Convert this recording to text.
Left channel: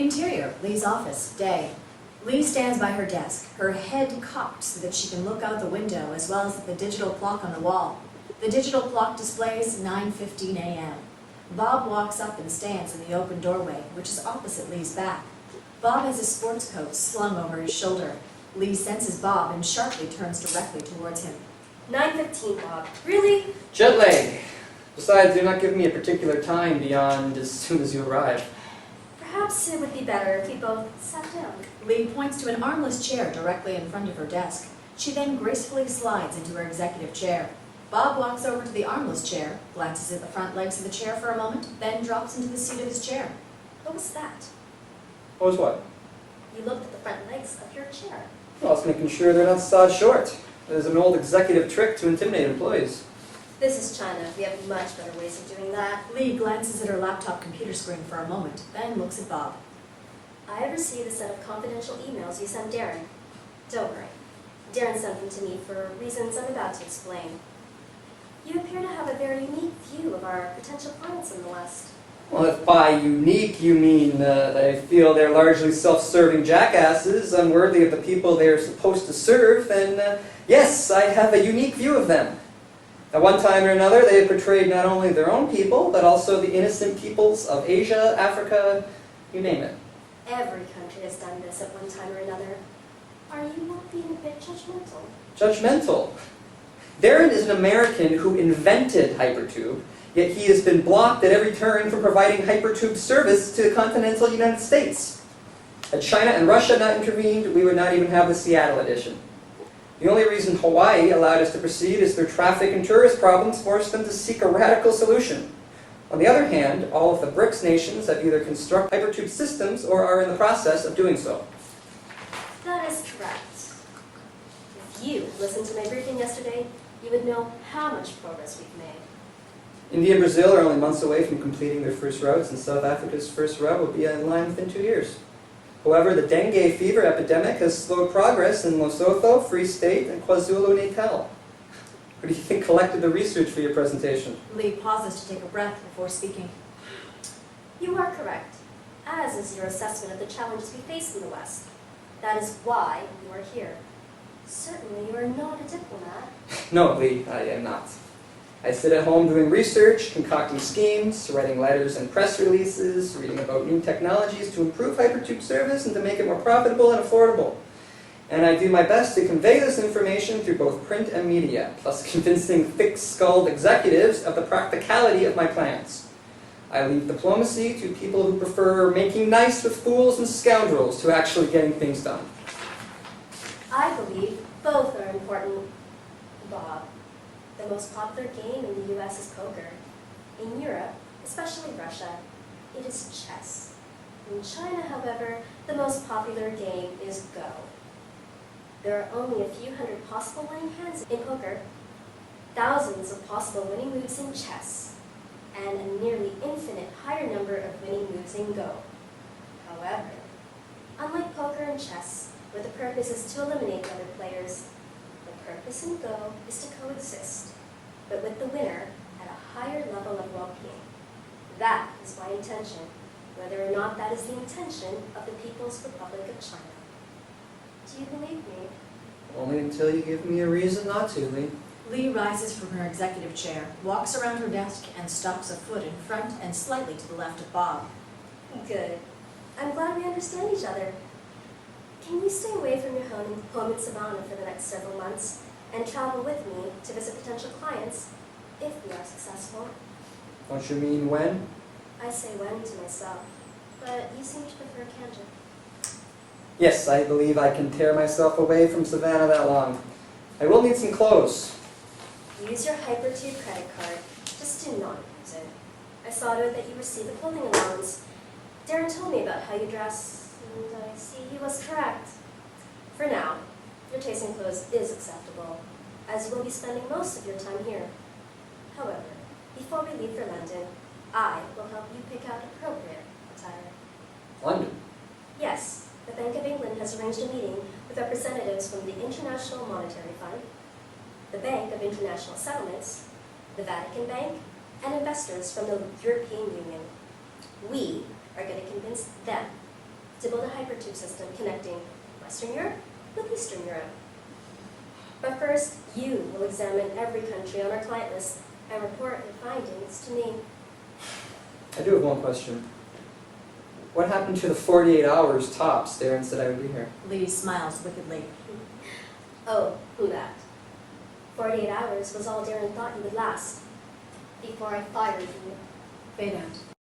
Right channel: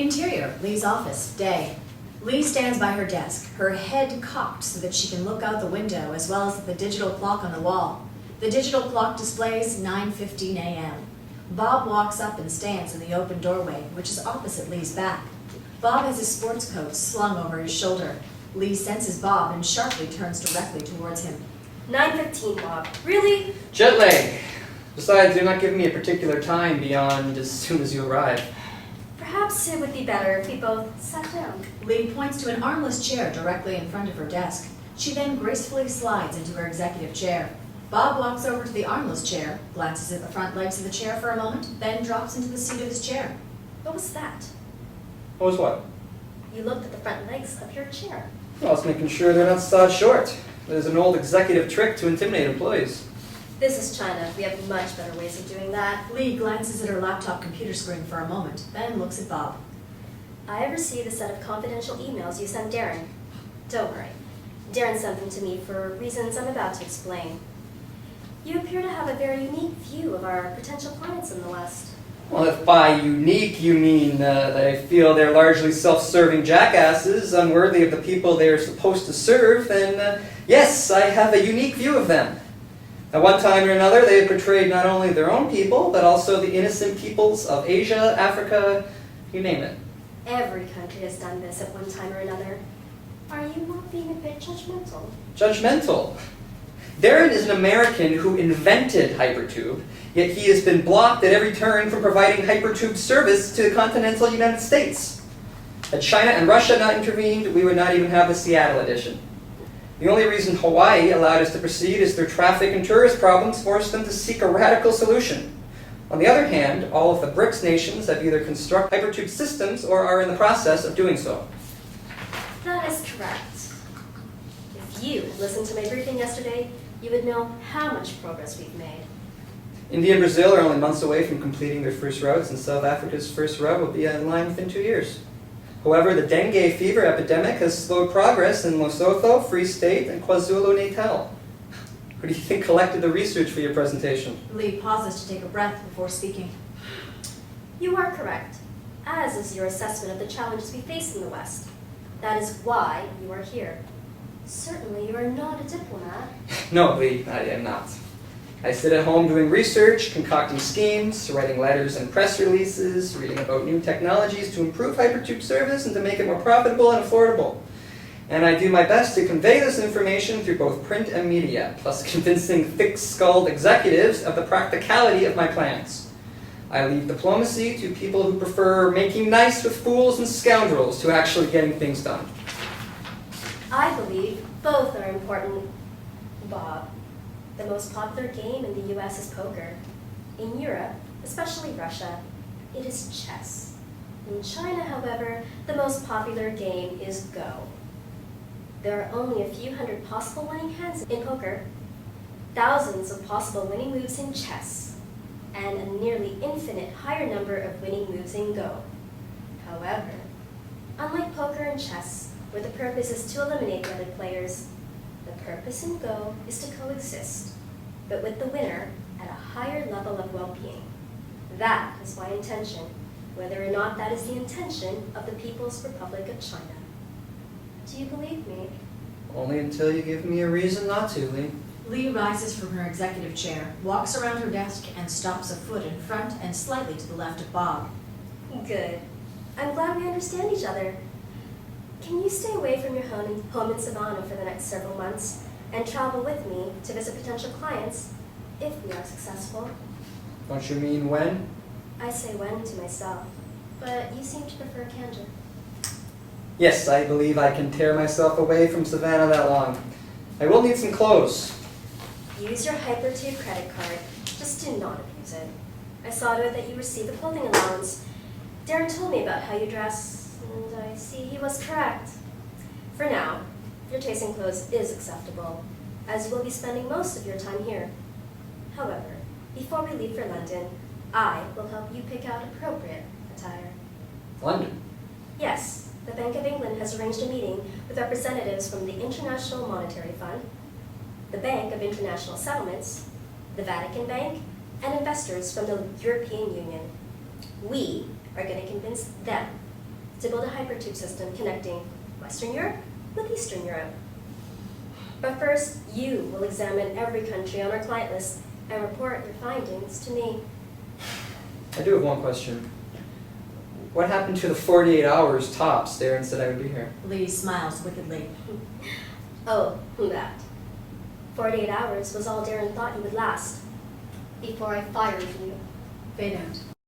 Interior, Lee's office, day. Lee stands by her desk, her head cocked so that she can look out the window as well as at the digital clock on the wall. The digital clock displays 9:15 a.m. Bob walks up and stands in the open doorway, which is opposite Lee's back. Bob has his sports coat slung over his shoulder. Lee senses Bob and sharply turns directly towards him. 9:15, Bob. Really? Jet lag. Besides, you're not giving me a particular time beyond as soon as you arrive. Perhaps it would be better if we both sat down. Lee points to an armless chair directly in front of her desk. She then gracefully slides into her executive chair. Bob walks over to the armless chair, glances at the front legs of the chair for a moment, then drops into the seat of his chair. What was that? What was what? You looked at the front legs of your chair. Well, I was making sure they're not sawed short. It is an old executive trick to intimidate employees. This is China. We have much better ways of doing that. Lee glances at her laptop computer screen for a moment, then looks at Bob. I have received a set of confidential emails you sent Darren. Don't worry. Darren sent them to me for reasons I'm about to explain. You appear to have a very unique view of our potential clients in the West. Well, if by unique you mean that I feel they're largely self-serving jackasses, unworthy of the people they are supposed to serve, then yes, I have a unique view of them. At one time or another, they have portrayed not only their own people, but also the innocent peoples of Asia, Africa, you name it. Every country has done this at one time or another. Are you not being a bit judgmental? Judgmental. Darren is an American who invented Hypertube, yet he has been blocked at every turn from providing Hypertube service to the continental United States. Had China and Russia not intervened, we would not even have the Seattle edition. The only reason Hawaii allowed us to proceed is their traffic and tourist problems forced them to seek a radical solution. On the other hand, all of the BRICS nations have either constructed Hypertube systems or are in the process of doing so. That is correct. If you had listened to my briefing yesterday, you would know how much progress we've made. India and Brazil are only months away from completing their first routes, and South Africa's first route will be in line within 2 years. However, the dengue fever epidemic has slowed progress in Lesotho, Free State, and KwaZulu-Natal. Who do you think collected the research for your presentation? Lee pauses to take a breath before speaking. You are correct, as is your assessment of the challenges we face in the West. That is why you are here. Certainly you are not a diplomat. No, Lee, I am not. I sit at home doing research, concocting schemes, writing letters and press releases, reading about new technologies to improve Hypertube service and to make it more profitable and affordable. And I do my best to convey this information through both print and media, plus convincing thick-skulled executives of the practicality of my plans. I leave diplomacy to people who prefer making nice with fools and scoundrels to actually getting things done. I believe both are important, Bob. The most popular game in the US is poker. In Europe, especially Russia, it is chess. In China, however, the most popular game is Go. There are only a few hundred possible winning hands in poker, thousands of possible winning moves in chess, and a nearly infinite higher number of winning moves in Go. However, unlike poker and chess, where the purpose is to eliminate the other players, the purpose in Go is to coexist, but with the winner at a higher level of well-being. That is my intention, whether or not that is the intention of the People's Republic of China. Do you believe me? Only until you give me a reason not to, Lee. Lee rises from her executive chair, walks around her desk, and stops a foot in front and slightly to the left of Bob. Good. I'm glad we understand each other. Can you stay away from your home in Savannah for the next several months and travel with me to visit potential clients if we are successful? Don't you mean when? I say when to myself, but you seem to prefer candor. Yes, I believe I can tear myself away from Savannah that long. I will need some clothes. Use your Hypertube credit card. Just do not abuse it. I saw to it that you receive a clothing allowance. Darren told me about how you dress, and I see he was correct. For now, your taste in clothes is acceptable, as you will be spending most of your time here. However, before we leave for London, I will help you pick out appropriate attire. London? Yes, the Bank of England has arranged a meeting with representatives from the International Monetary Fund, the Bank of International Settlements, the Vatican Bank, and investors from the European Union. We are going to convince them to build a hypertube system connecting Western Europe with Eastern Europe. But first, you will examine every country on our client list and report your findings to me. I do have one question. What happened to the 48 hours tops there and said I would be here? Lee smiles wickedly. Oh, that. 48 hours was all Darren thought you would last before I fired you. Fade out.